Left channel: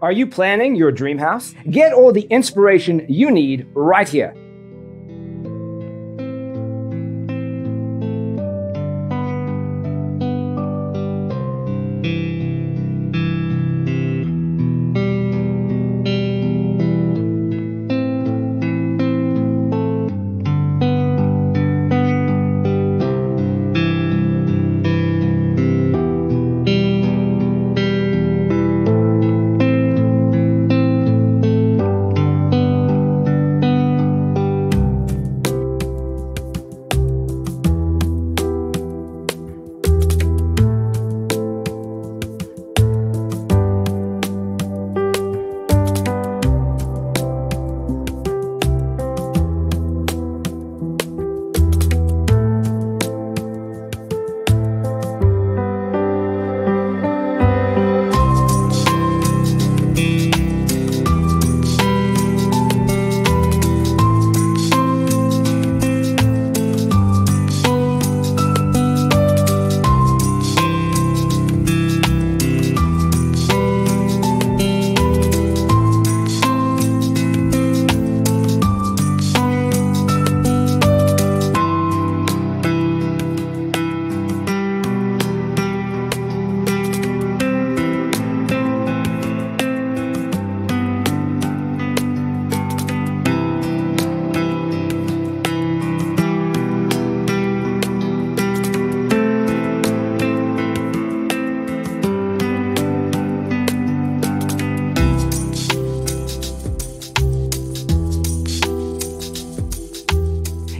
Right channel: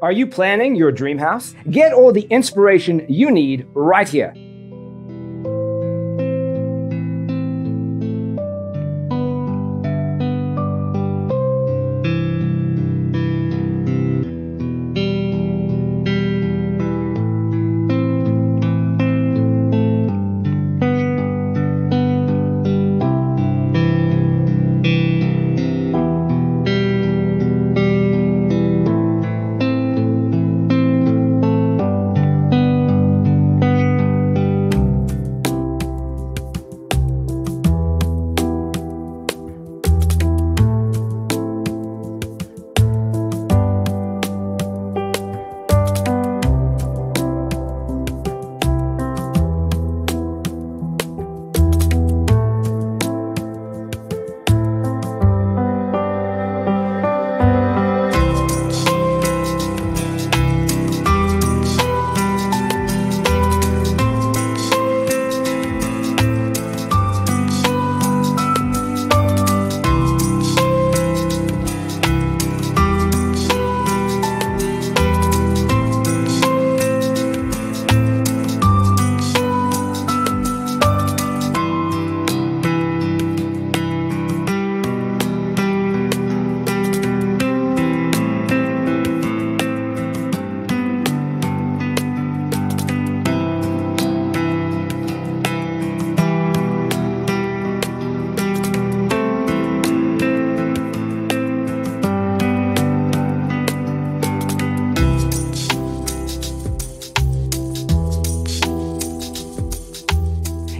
Are you planning your dream house? Get all the inspiration you need right here.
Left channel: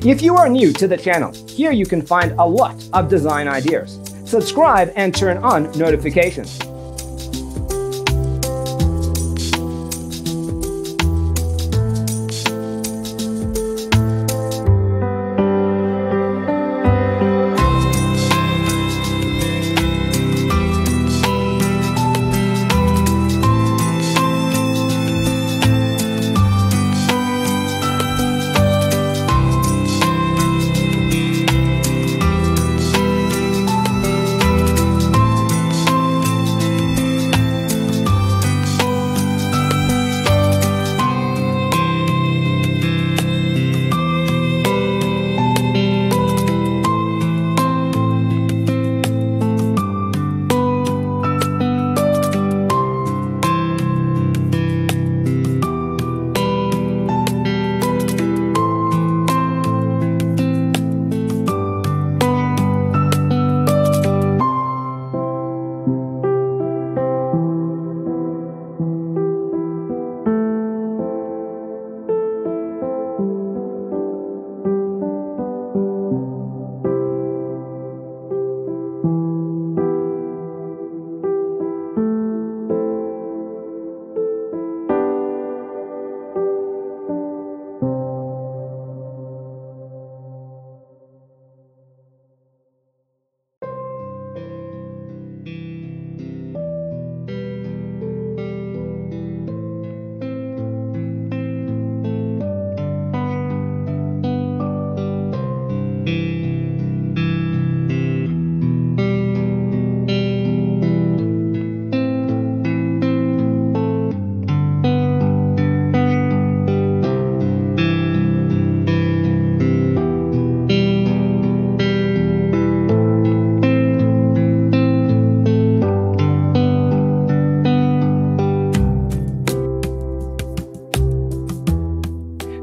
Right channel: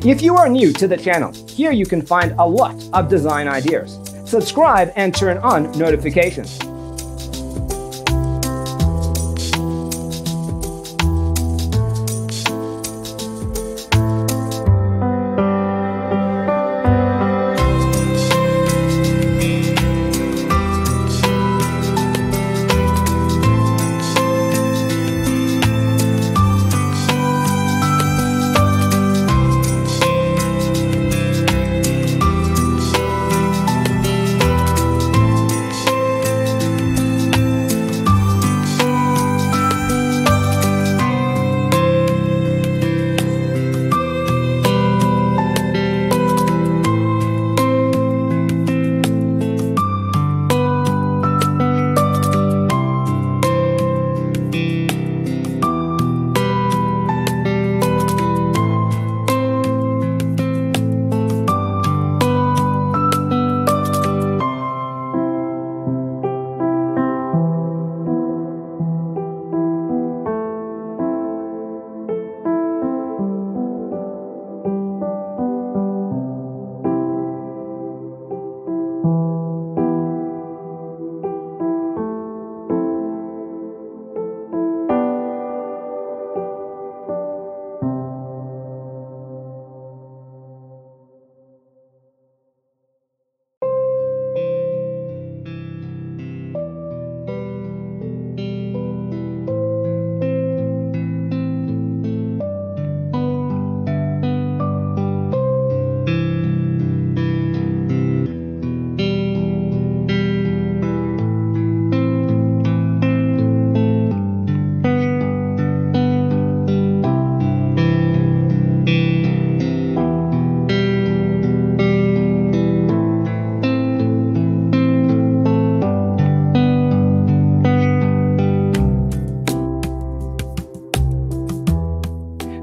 If you are new to the channel, here you can find a lot of design ideas. Subscribe and turn on notifications.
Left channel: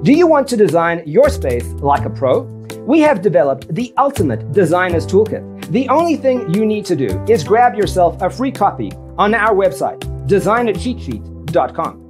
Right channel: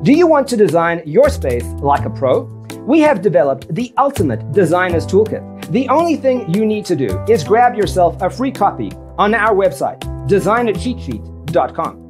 Do you want to design your space like a pro? We have developed the ultimate designer's toolkit. The only thing you need to do is grab yourself a free copy on our website, designercheatsheet.com.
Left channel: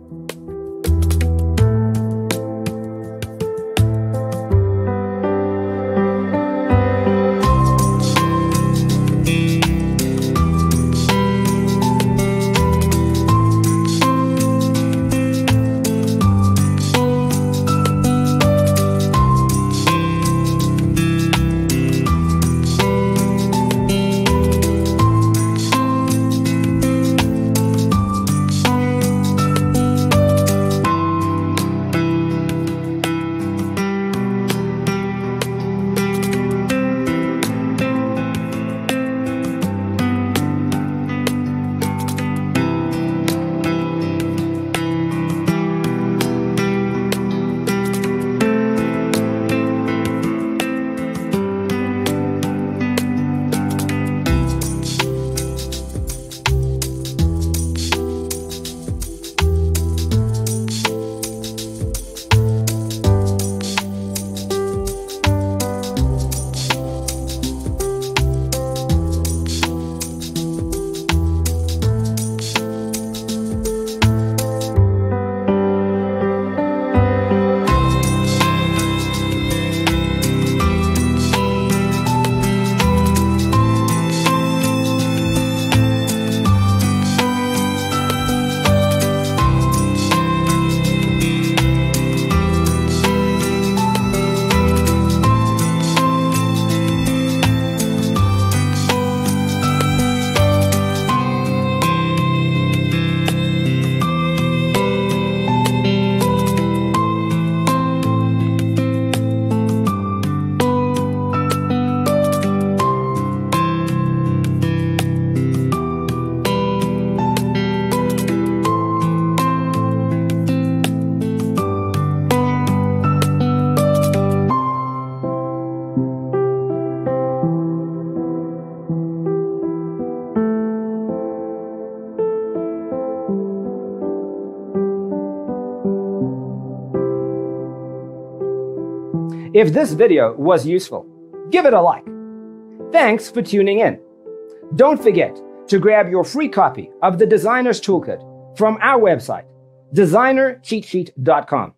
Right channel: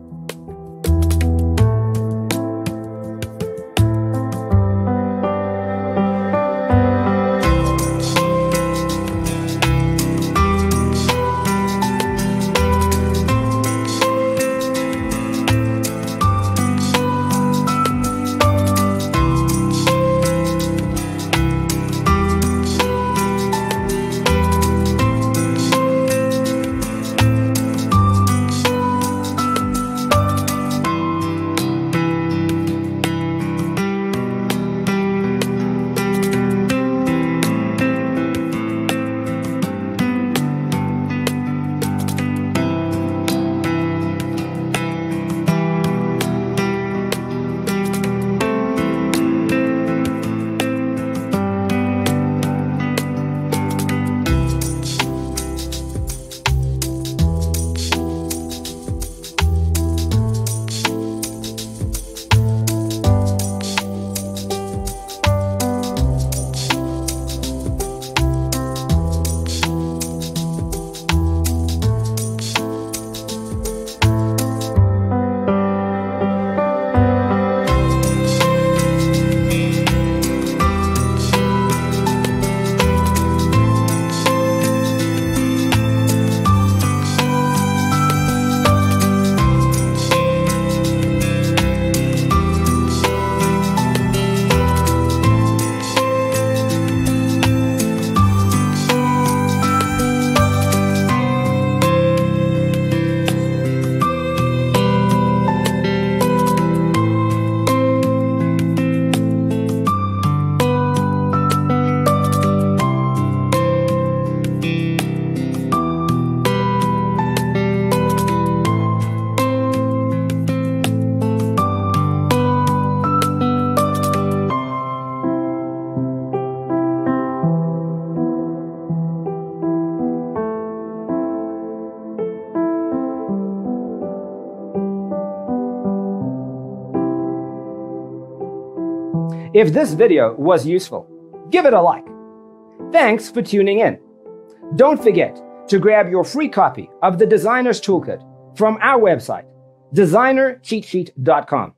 If this video was useful, give it a like. Thanks for tuning in. Don't forget to grab your free copy of the Designer's Toolkit from our website, designercheatsheet.com.